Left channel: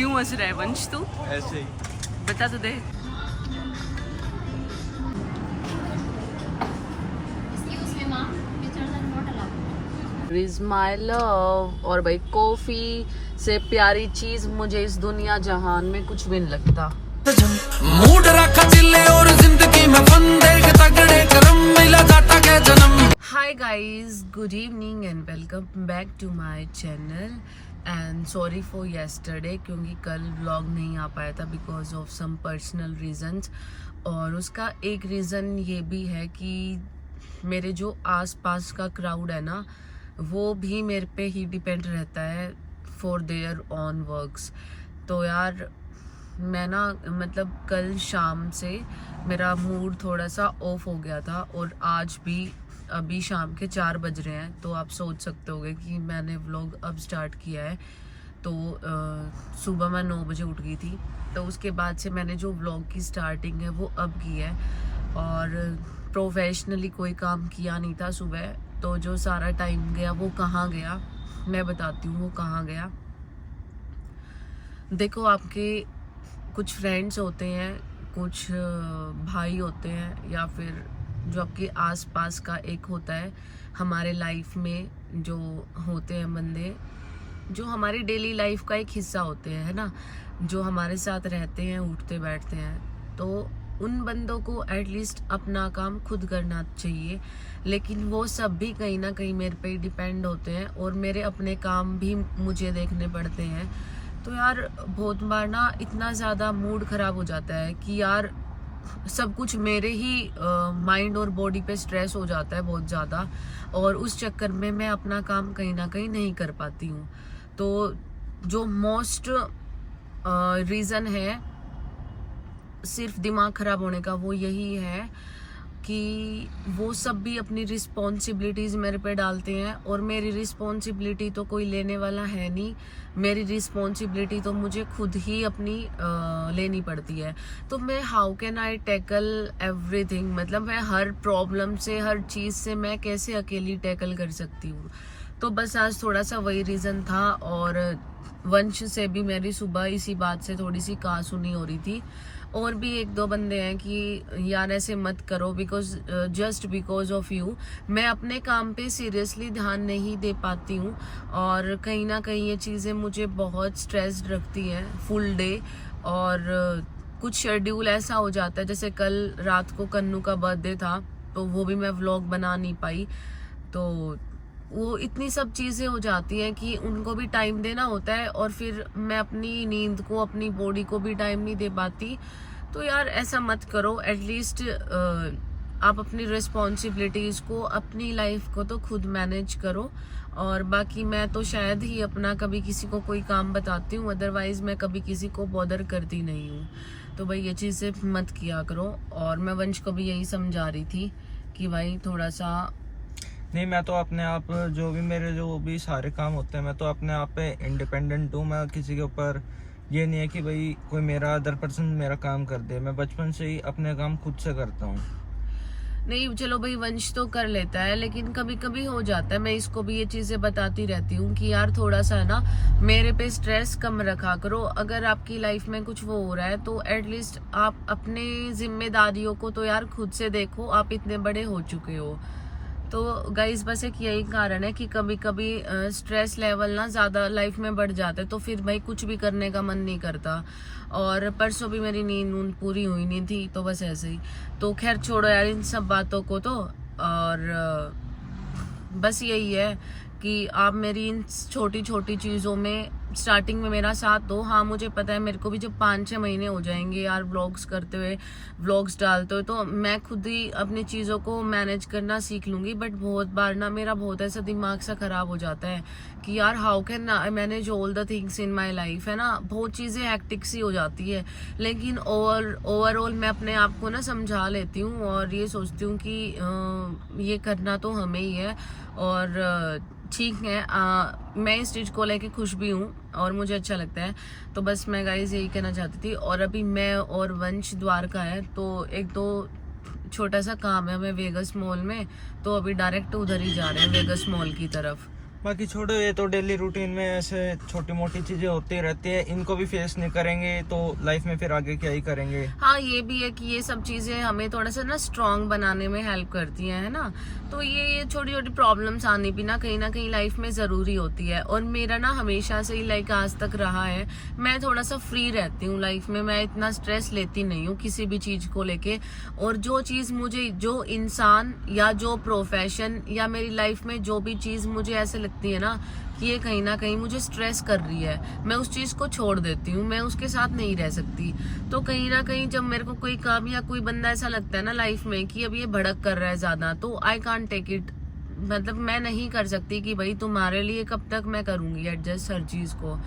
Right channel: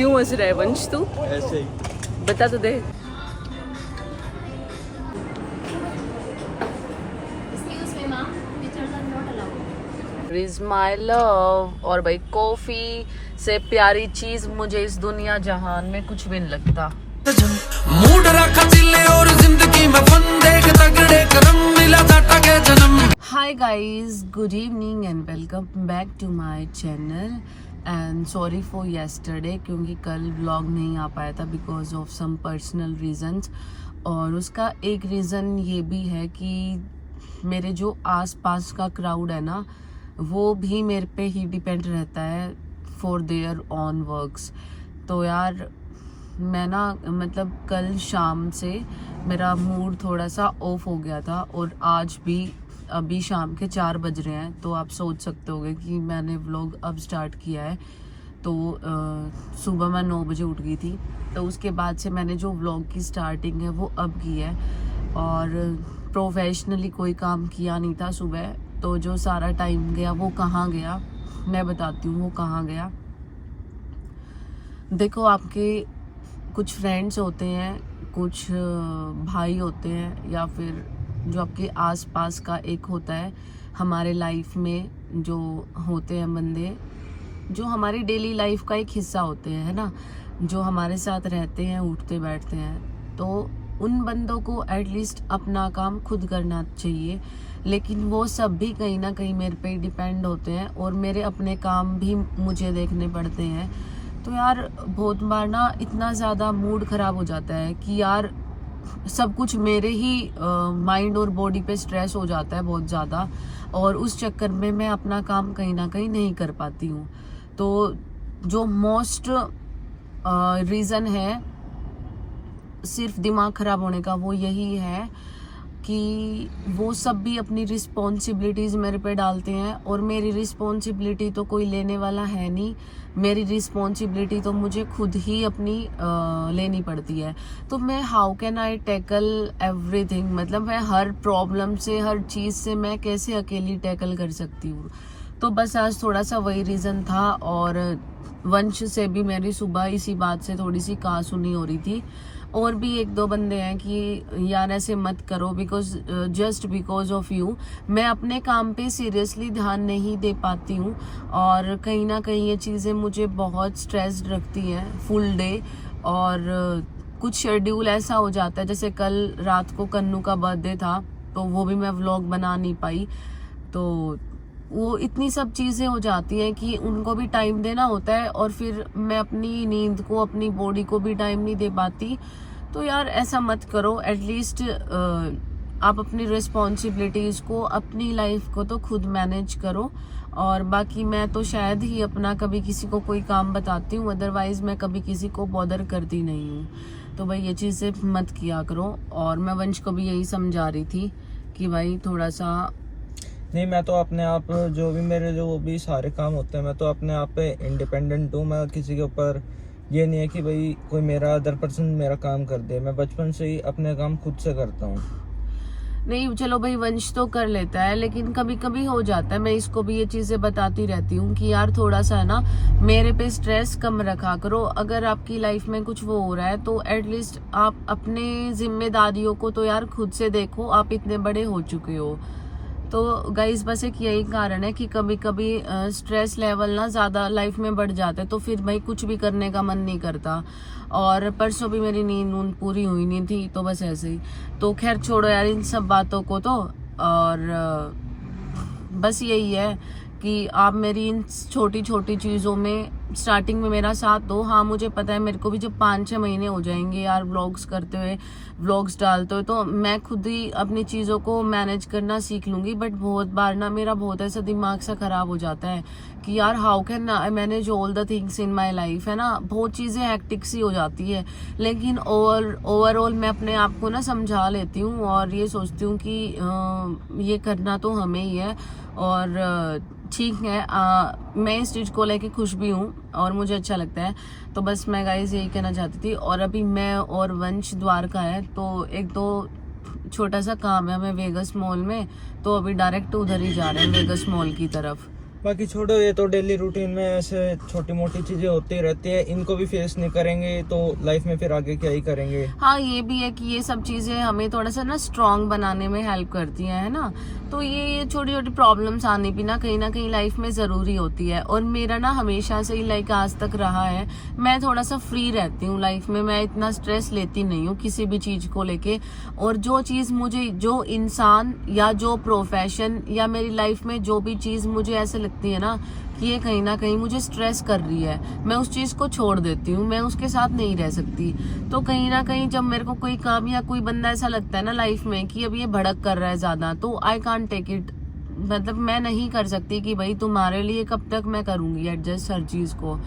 क्यों हंस रहा है वंश तू? ऐसे ही। बता तो दे। Is my love. और भाई कॉफी से प्यारी चीज मुझे इस दुनिया जहान में कुछ भी नहीं लगता। मूड रखा चिल्ले और जिंदगी में फन देख तगड़े करम मिला टाटा के जन्म। Hi guys, good evening and welcome back to my channel. And sorry for yesterday, क्योंकि कल व्लॉग नहीं आ पाया था because of some personal reasons. और उसका एक रीज़न ये भी है कि मेरे जो आसपास का क्राउड है ना, वो भी मेरे पे ही डिपेंड रहता है फॉर देयर ऑन वर्क्स। तो यार मैं ना मतलब कल शाम से मेरा मूड थोड़ा सा ऑफ हो गया था, और आज भी अभी शाम के 4 बज रहे हैं। तो आप सोच सकते होगे कि मैंने व्लॉग अब स्टार्ट किया है। तो सुबह मैं 9 बजे उठ गई थी, तो उसके बाद से मैंने जो व्लॉग की स्टार्टिंग है वो अब की है। और प्रोफेशनली कोई काम किया नहीं था सुबह, तो जो सारा टाइम गया वो कहाँ गया मैं बताती हूँ। वो कहाँ गया, देखो, आपके कुछ फ्रेंड्स होते हैं, कुछ भाई होते हैं, या फिर जो आपके आसपास का एक होता है हमारे लाइफ में, जो होते हैं बंदे जो हमारी डेली लाइफ का एक हिस्सा होते हैं, है ना, जो हमारे साथ रहते हैं, उठते बैठते हैं। तो उन बंदों को एटलीस्ट अपना काम खुद करना चाहिए, लेकिन वो सब भी कहीं ना कहीं मेरे पे डिपेंड होते हैं, और मेरे अपने काम भी मुझे देखने पड़ते हैं। तो यार बहुत बार ना इतना ज़्यादा मूड ख़राब हो जाता है कि यार सब कुछ मेरे ही माइंड और बॉडी पे स्ट्रेस हो जाता है बहुत ज़्यादा, और उस चक्कर में मैं अपना काम कहीं ना कहीं नहीं कर पाती हूँ। तो जो मोस्ट रीज़न है सिर्फ दिमाग ख़राब होने का, वो यही है कि वो सब भी अपनी रिस्पॉन्सिबिलिटीज़ मेरे पे डालते हैं, और मेरी रिस्पॉन्सिबिलिटी तो कोई लेने वाला है नहीं। मेरी रिस्पॉन्सिबिलिटी तो मुझे खुद ही अपनी लेनी पड़ती है। तो मैं how can I tackle everything, मतलब मैं हर प्रॉब्लम से, हर चीज़ से मैं कैसे अकेली टैकल कर सकती हूँ। तो बस आज थोड़ा सा वही रीज़न था, और वंश से भी मेरी सुबह इसी बात से थोड़ी सी कहासुनी हो रही थी। और भी 1-2 बंदे हैं कि यार ऐसे मत करो, because just because of you मैं अपने काम पे सीरियसली ध्यान नहीं दे पाती हूँ, और कहीं ना कहीं ये चीज़ें मुझे बहुत स्ट्रेस्ड रखती हैं फुल डे। और कुछ शेड्यूल ऐसा हो जाता है, जैसे कल रात को कन्नू का बर्थडे था, तो वो भी मैं व्लॉग बना नहीं पाई। तो वो इतनी सब चीज़ें हो जाती हैं कि उनको भी टाइम देना होता है, और फिर मैं अपनी नींद को, अपनी बॉडी को भी टाइम नहीं दे पाती। तो यार ऐसा मत करो, एटलीस्ट आप अपनी रिस्पॉन्सिबिलिटीज़ को, अपनी लाइफ को तो खुद मैनेज करो। और बाकी मैं तो शायद ही अपना कभी किसी को कोई काम बताती हूँ, अदरवाइज़ मैं कभी किसी को बॉदर करती नहीं हूँ। तो भाई ये चीज़ें मत किया करो। और मैं वंश को भी यही समझा रही थी कि भाई थोड़ा सा नहीं, मैं तो अपने आप जो भी मेरे जो भी सारे काम होते हैं, मैं तो अपने आप पे इंडिपेंडेंट हूँ। मैं किसी के ऊपर ये नहीं है कि भाई कोई मेरा अदर पर्सन मेरा काम कर दे। मैं बचपन से ही अपने काम खुद से करता हूँ। नहीं, चलो भाई वंश तो कर लेता है, लेकिन कभी कभी हो जाता है। मैं इसको भी ये चीज़ें बताती रहती हूँ कि यार थोड़ा सा ना मेरे पे स्ट्रेस कम रखा करो। अगर आपकी लाइफ में कुछ वो हो रहा है, तो एटलीस्ट आप अपने जिम्मेदारियों को तो यार खुद से देखो, आप इतने बड़े हो चुके हो। तो गाइस बस एक यही कारण है कि कभी कभी स्ट्रेस लेवल ना ज़्यादा लाइफ में बढ़ जाता है, तो फिर भाई कुछ भी करने का मन नहीं करता। और परसों भी मेरी नींद पूरी हुई नहीं थी, तो बस ऐसे ही। तो खैर छोड़ो यार इन सब बातों को तो। और बस यही है कि आप मेरी इन छोटी छोटी चीज़ों में स्टार्टिंग में मेरा साथ दो। हाँ मुझे पता है, मेरे को भी जब 5-6 महीने हो जाएंगे यार व्लॉग्स करते हुए, व्लॉग्स डालते हुए, तो मैं खुद ही अपनी चीज़ों को मैनेज करना सीख लूँगी। बट बहुत बार ना मेरा बहुत ऐसा दिमाग सा ख़राब हो जाता है कि यार how can I manage all the things in my life, है ना। बहुत चीज़ें हैक्टिक सी हो जाती है, लेकिन ओवरऑल मैं अपने आप को ना समझा लेती हूँ, और ये सोचती हूँ कि ये करना तो हमें ही है। और ठीक है, मैं इस चीज़ को लेके खुश भी हूँ, और मुझे अच्छा लगता है। तो बस मैं गाइस यही कहना चाहती थी। और अभी मैं और वंश द्वारका है, तो 1-2 छोटा सा काम है हमें वेगस मॉल में, तो अभी डायरेक्ट उधर ही जा रहे हैं वेगस मॉल की तरफ। बाकी छोड़ो, ये तो डेली रूटीन में ऐसे छोटी मोटी चीजें होती रहती है, इनको भी फेस नहीं करेंगे तो लाइफ में फिर आगे क्या ही करेंगे। हाँ, ये भी है कि ये सब चीजें हमें थोड़ा सा ना स्ट्रांग बनाने में हेल्प करती हैं, है ना। तो ये छोटी छोटी प्रॉब्लम्स आने भी ना कहीं लाइफ में जरूरी होती है। और मेरा ना हमेशा से ही लाइक आज तक रहा है, मैं थोड़ा सा फ्री रहती हूँ लाइफ में, मैं इतना स्ट्रेस लेती नहीं हूँ किसी भी चीज को लेके। और जो चीज मुझे, जो इंसान या जो प्रोफेशन या मेरी लाइफ में जो भी चीज मुझे ऐसे लगती है ना कि ये कहीं ना कहीं मुझे स्ट्रेस कर रही है, मैं उस चीज को छोड़ देती हूँ, मैं उसके साथ नहीं रह सकती। तो कहीं ना कहीं जब मेरे को कोई काम या कोई बंदा ऐसा लगता है ना लाइफ में कि अब ये भड़क कर रहा है ज्यादा, तो आई कांट टेक इट। मतलब मैं नहीं कर सकती कि भाई तुम्हारे लिए कब तक मैं करूंगी एडजस्ट हर चीज को।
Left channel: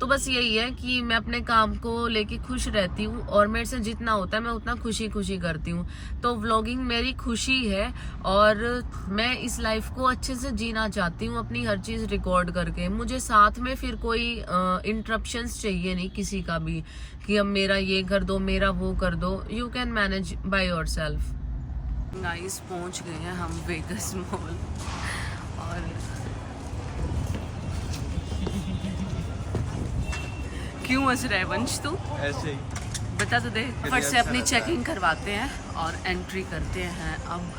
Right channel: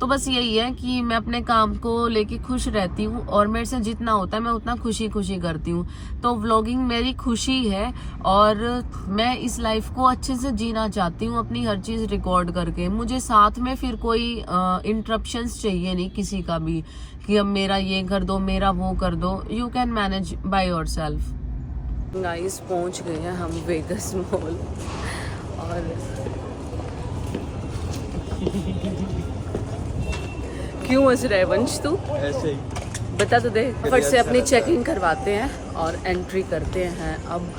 तो बस यही है कि मैं अपने काम को लेके खुश रहती हूँ और मेरे से जितना होता है मैं उतना खुशी खुशी करती हूँ। तो व्लॉगिंग मेरी खुशी है और मैं इस लाइफ को अच्छे से जीना चाहती हूँ, अपनी हर चीज रिकॉर्ड करके। मुझे साथ में फिर कोई इंटरप्शंस चाहिए नहीं किसी का भी कि अब मेरा ये कर दो, मेरा वो कर दो। You can manage by yourself. Guys पहुंच गए हैं हम वेगस मॉल और क्यों हंस रहा है वंश तू? ऐसे ही बता तो दे। फट से अपनी चेकिंग करवाते हैं और एंट्री करते हैं अब।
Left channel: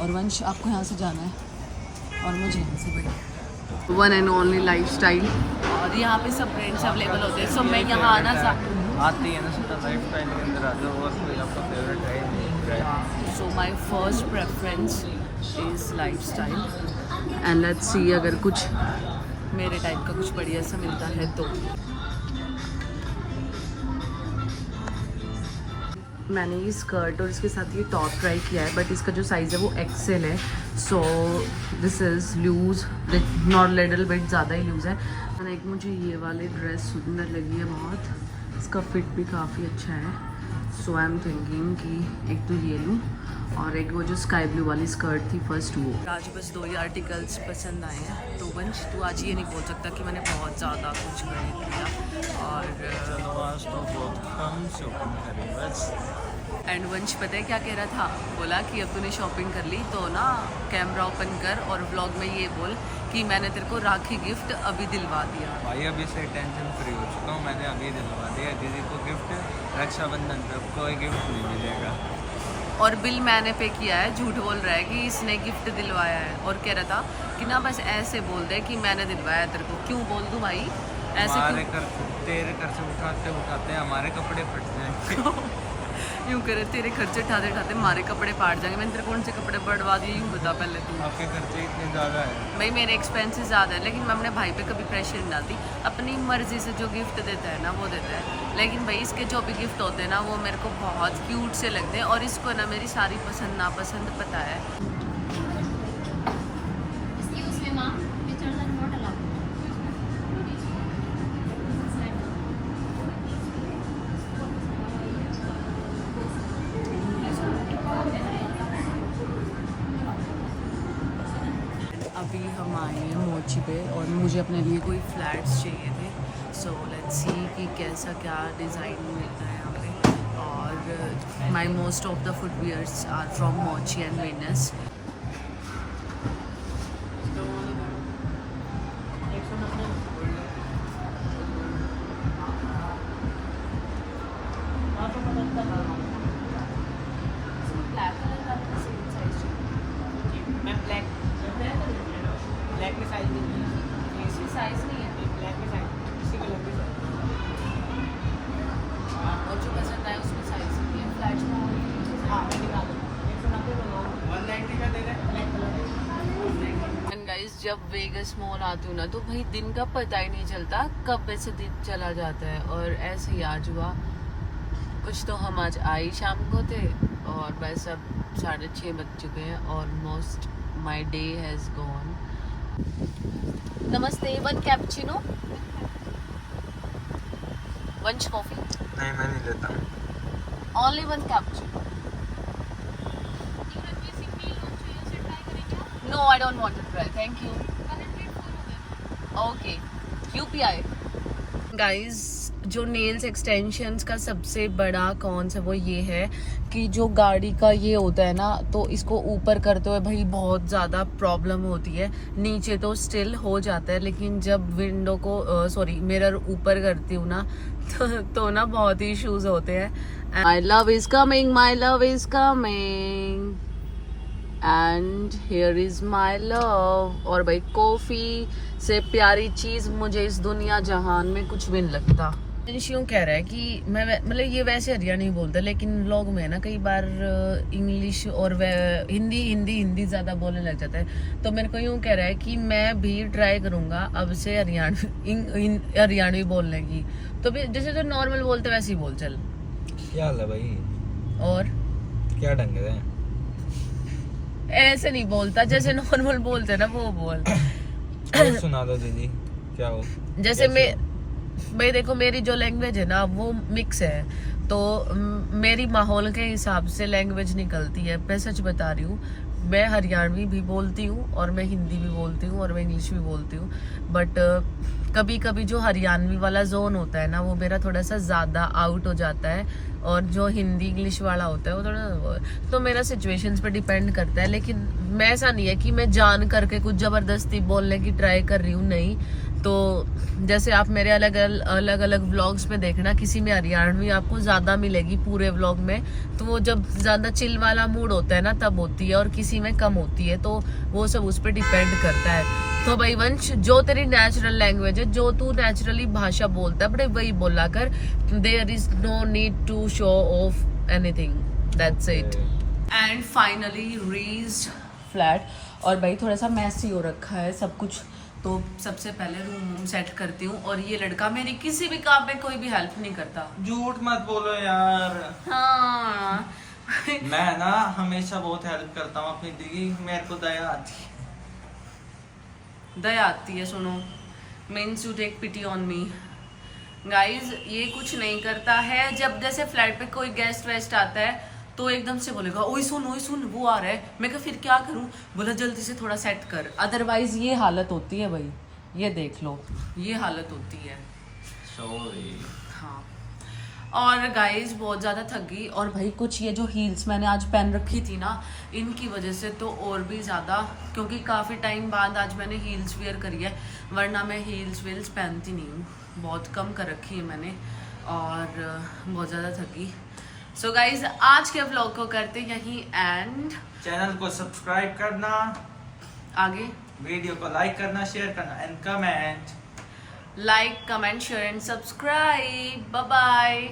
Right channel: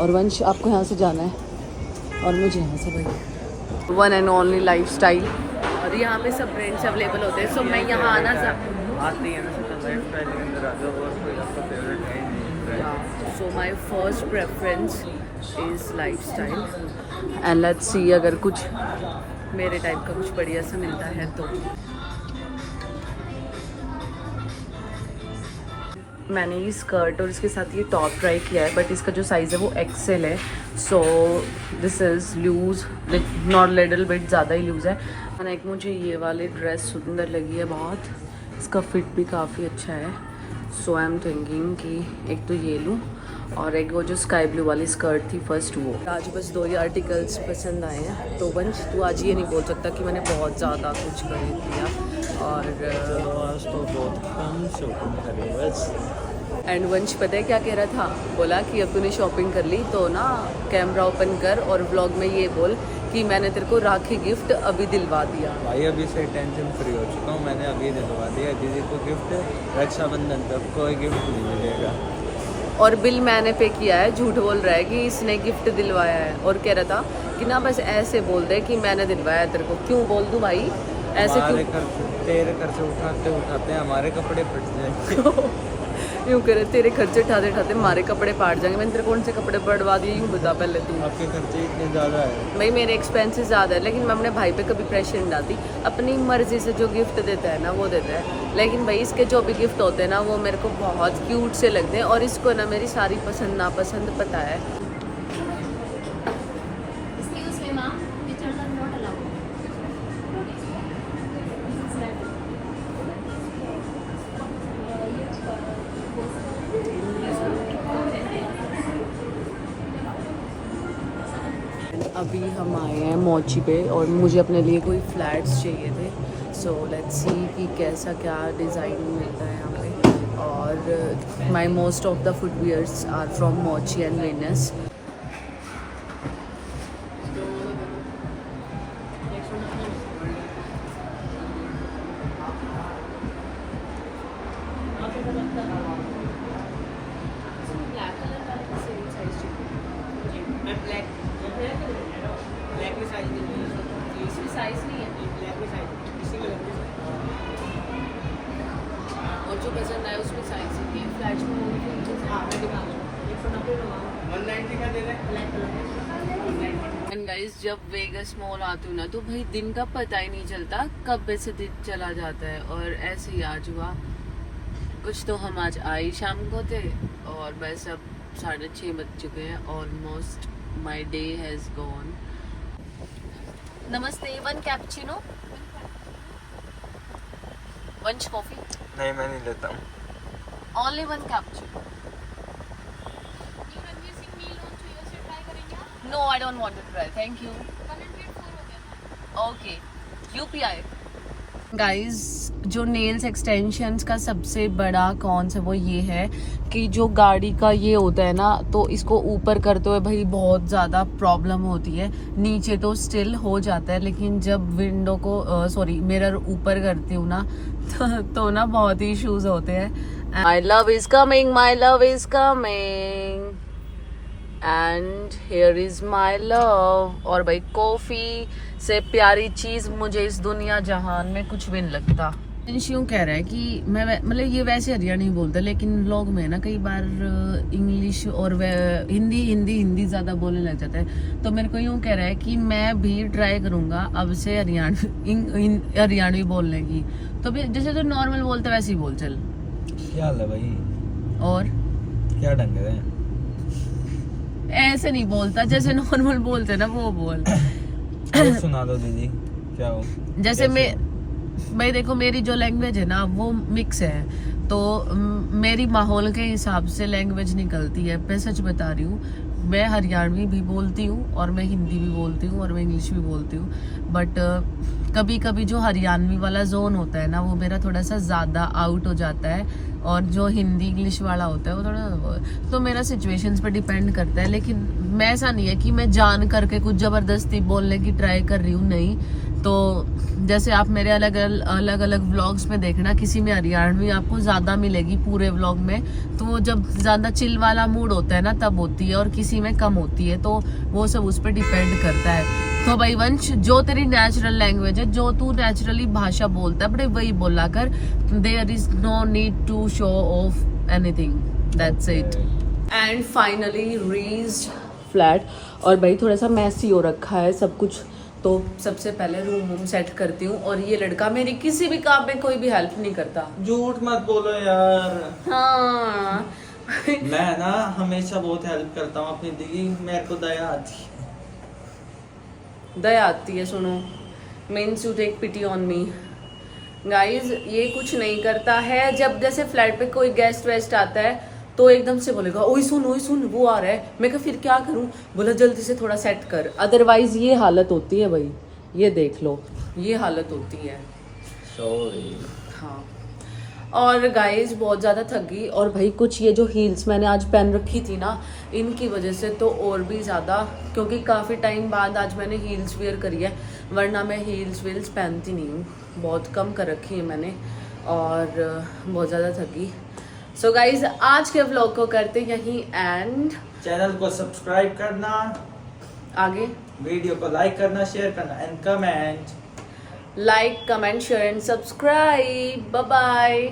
और वंश आपको यहाँ से जाना है और मुझे यहाँ से भाई। वन एंड ओनली लाइफस्टाइल, और यहाँ पे सब ब्रांड्स अवेलेबल होते हैं। सो मैं यहाँ आना आती है ना so my first preference is lifestyle and let's see अगर कुछ मेरे टाइप का कुछ बढ़िया सा मिलता है तो। मैंने ये स्कर्ट और इसके साथ ये टॉप ट्राई किया है, बट इसका जो साइज़ है वो एक्सेल है। So this is loose, not little bit, ज़्यादा ही लूज़ है। और एक मुझे ये वाली ड्रेस सुंदर लगी है बहुत, इसका फिट भी काफ़ी अच्छा है। सो आई एम थिंकिंग कि एक तो ये लूँ और एक वो जो स्काई ब्लू वाली स्कर्ट थी फर्स्ट वो। आज बस 2 ही आर्टिकल्स पसंद आए हैं। तो वंश तू आज ये नहीं बोल सकता कि मैंने बहुत ज़्यादा कुछ खरीद लिया। और आज तो बहुत कम शॉपिंग करी बस। एंड वंश पता है क्या कह रहा था? बोला कि अब तूने शॉपिंग कर ली तो ना कैमरा ओपन कर और व्लॉग में ये बोल कि मैंने तेरे को राखी गिफ्ट अभी दिलवा दिया। भाई अभी से टेंशन फ्री हो चुका हूँ, मैंने अभी दिलवा दिया दीदी को गिफ्ट। रक्षाबंधन तक कोई गिफ्ट नहीं मिलेगा। और बिल मैंने पे किया है। झूठ बोल रहा है कि इसने गिफ्ट दिलवाया है और कह रहा था कि ना बस ऐसे बोल दे कि मैंने दिलवाया तेरे को। क्यों बोल दूं भाई ऐसे? क्यों? तेरे खर्चे उठाते उठाते हमारे कपड़े फट जाएंगे। यूँ करे तेरे खर्चे उठाते उठाते हमारे कपड़े फाट जाएंगे। मैंने तेरे कौन से कपड़े बढ़वा दिए यूँ बता पहले तू। आपके खर्चे इतने ज़्यादा है भाई, मेरे एक्सपेंसेस ज़्यादा है, लेकिन मैं अपने भाई पे कभी प्रेशर नहीं डालती। अपनी मर्जी से जो गिफ्ट देता है ना वो देता है। लेकिन भाई इसके जो भी गिफ्ट होते हैं ना वो मेरे को बहुत क्यूट से लगते हैं और इसको ना मेरी सारी पसंद नापसंद पता है। अभी हम आए हैं मोची पे और मुझे अपने लिए कोई फ्लैट्स चाहिए थे। सो लेट्स सी कि कैसा क्या डिज़ाइन मिलता है यहाँ पे। और my most of the footwears are from Mochi and Venice. और जो पसंद आया उसमें साइज ही है। फ्लैट्स में एंड गाइस, जब वेगस मॉल आती हूँ ना तो भाई दिन का पता ही नहीं चलता कब ऐसे दिन चला जाता है। और ऐसे ही आज हुआ कुछ। तो हम आज आई शाम को थे और बस अब 6:30 बज चुके हैं almost. My day has gone. नमस्ते, 1 कैपुचिनो, वंश कॉफी। नहीं, मैं नहीं लेता हूँ। Only 1 cappuccino. No, I don't want to try, thank you. Okay, UPI. Guys जो नेल्स एक्सटेंशंस का सबसे बड़ा कॉन्स है वो ये है कि जो गाड़ी का ये होता है ना, तो इसको ऊपर करते हुए भाई बहुत ज़्यादा प्रॉब्लम होती है। नीचे तो स्टिल हो जाता है, लेकिन जब विंडो को मिरर ऊपर करती हूँ ना तो ना बहुत ही इश्यूज होते हैं। My love is coming, my love is coming and here is my love. और भाई कॉफी से प्यारी चीज मुझे इस दुनिया जहान में कुछ भी नहीं लगता। यूं कह रहा है कि मैं मतलब ये वैसे हरियाणा नहीं बोलता, लेकिन व्लॉग में ना कई बार इंग्लिश और हिंदी ज्यादा बोलने लग जाता है। तो मेरे को यूं कह रहा है कि मैं भी ट्राई करूंगा अब से हरियाणवी बोलने की। तो भी जैसे तो नॉर्मल बोलते वैसे ही बोल चल। क्या हाल है भाई? और क्या ढंग है? ऐसे नहीं बोलता, जैसे नॉर्मल बोलते ना वो बोल। सुना दो दीदी, क्या हो? जैसे मैं देखो मेरी जो लैंग्वेज है ना वो मिक्स है, तो मेरी माहौल के हिसाब से लैंग्वेज निकलती है। मैं सच बता रही हूँ, मैं हरियाणवी भी बोलती हूँ और मैं हिंदी भी बोलती हूँ और मैं इंग्लिश भी बोलती हूँ। बट कभी कभी जो हरियाणवी वाला जोन होता है ना वो मेरा थोड़ा सा ज़्यादा आउट हो जाता है, और जो हिंदी इंग्लिश वाला होता है वो थोड़ा, तो मेरा सिचुएशंस पे डिपेंड करता है। लेकिन मैं ऐसा नहीं है कि मैं जान करके कुछ ज़बरदस्ती बोलने की ट्राई कर रही हूँ, नहीं। तो जैसे आप मेरे अलग अलग व्लॉग्स में देखना, किसी में हरियाणवी आपको ज़्यादा मिलेगी पूरे व्लॉग में, तो वो जब ज़्यादा चिल वाला मूड होता है ना तब होती है, और किसी में कम होती है। तो वो सब उस पर डिपेंड करता है। तो भाई वंश, जो तेरी नेचुरल लैंग्वेज है, जो तू नेचुरली भाषा बोलता है, बड़े वही बोला कर। There is no need to show off anything, that's it. And finally reached flat. और भाई थोड़ा सा मैसी हो रखा है सब कुछ, तो सबसे पहले रूम सेट करती हूँ। और ये लड़का मेरी किसी भी काम में कोई भी हेल्प नहीं करता। झूठ मत बोलो यार। हाँ मैं ना हमेशा बहुत हेल्प करता हूँ अपनी दीदी, मेरे को दया आती है। दया आती है, सुनो, means you take pity on me. Guys ये कुछ नहीं करता है। जब जैसे फ्लैट पे कोई गेस्ट वेस्ट आता है तो एकदम से बोलेगा ओए सुन वो आ रहा है। मैं कहा फिर क्या करूं? बोला जल्दी से थोड़ा सेट कर, अदरवाइज ये हालत होती है भाई। ये देख लो, ये हालत होती है। सॉरी। हाँ, और गाइज बहुत ज़्यादा थक गई। और भाई कुछ ये जो हील्स मैंने आज पहन रखी थी ना, इनकी वजह से तो और भी ज़्यादा, क्योंकि काफ़ी टाइम बाद आज मैंने हील्स वेयर करी है, वरना मैं हील्स वील्स पहनती नहीं हूँ, बहुत कम कर रखी है मैंने, और बहुत ज़्यादा थक गई। सो गाइज आज के व्लॉग को करते यहीं एंड। चैनल को सब्सक्राइब करना, आगे वीडियो को लाइक करना, शेयर करना and comment. Like comment share and subscribe. Bye bye.